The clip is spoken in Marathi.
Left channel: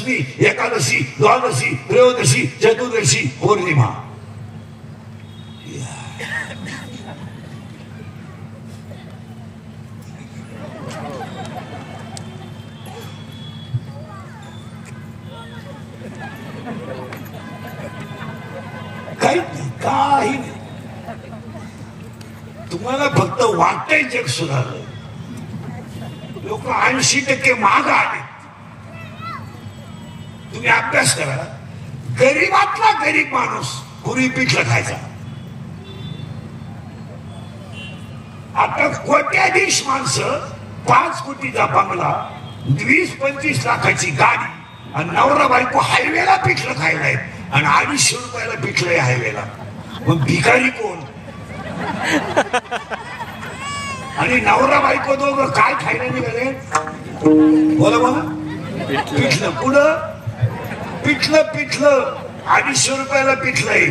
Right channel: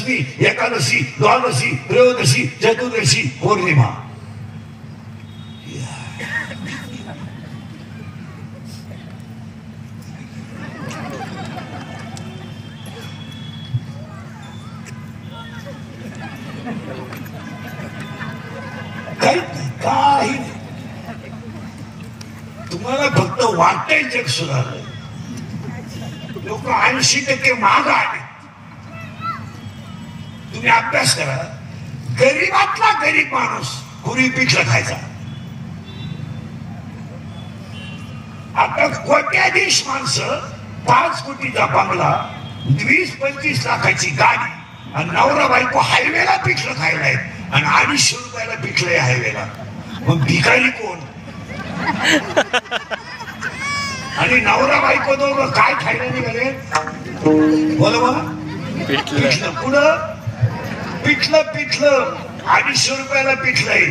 दशमी, एकादशी, द्वादशी, त्रयोदशी, चतुर्दशी, पौर्णिमा. काही तुम्हाला फक्त वाटतंय जग सुधारलं. लोक 80% माग आले. तुम्ही अभ्यास करा. गरीबातला गरीब माणूस पूर्वी पिठलं खायचा. आता कोट्याधीश माणसं 5 कोटीचा बंगला, 20-25 लाखाची गाडी आणि नवरा बायको हायवेला पिठलं खायला आहेत आणि 250 रुपयाला पिठलंय हायवेला. मग भिकारी कोण? आणि नवरा बायको दोघं काय खायला निघाले? बोला बोला. पिठलं. पुढं पिठलं 250 रुपयाला पिठलंय.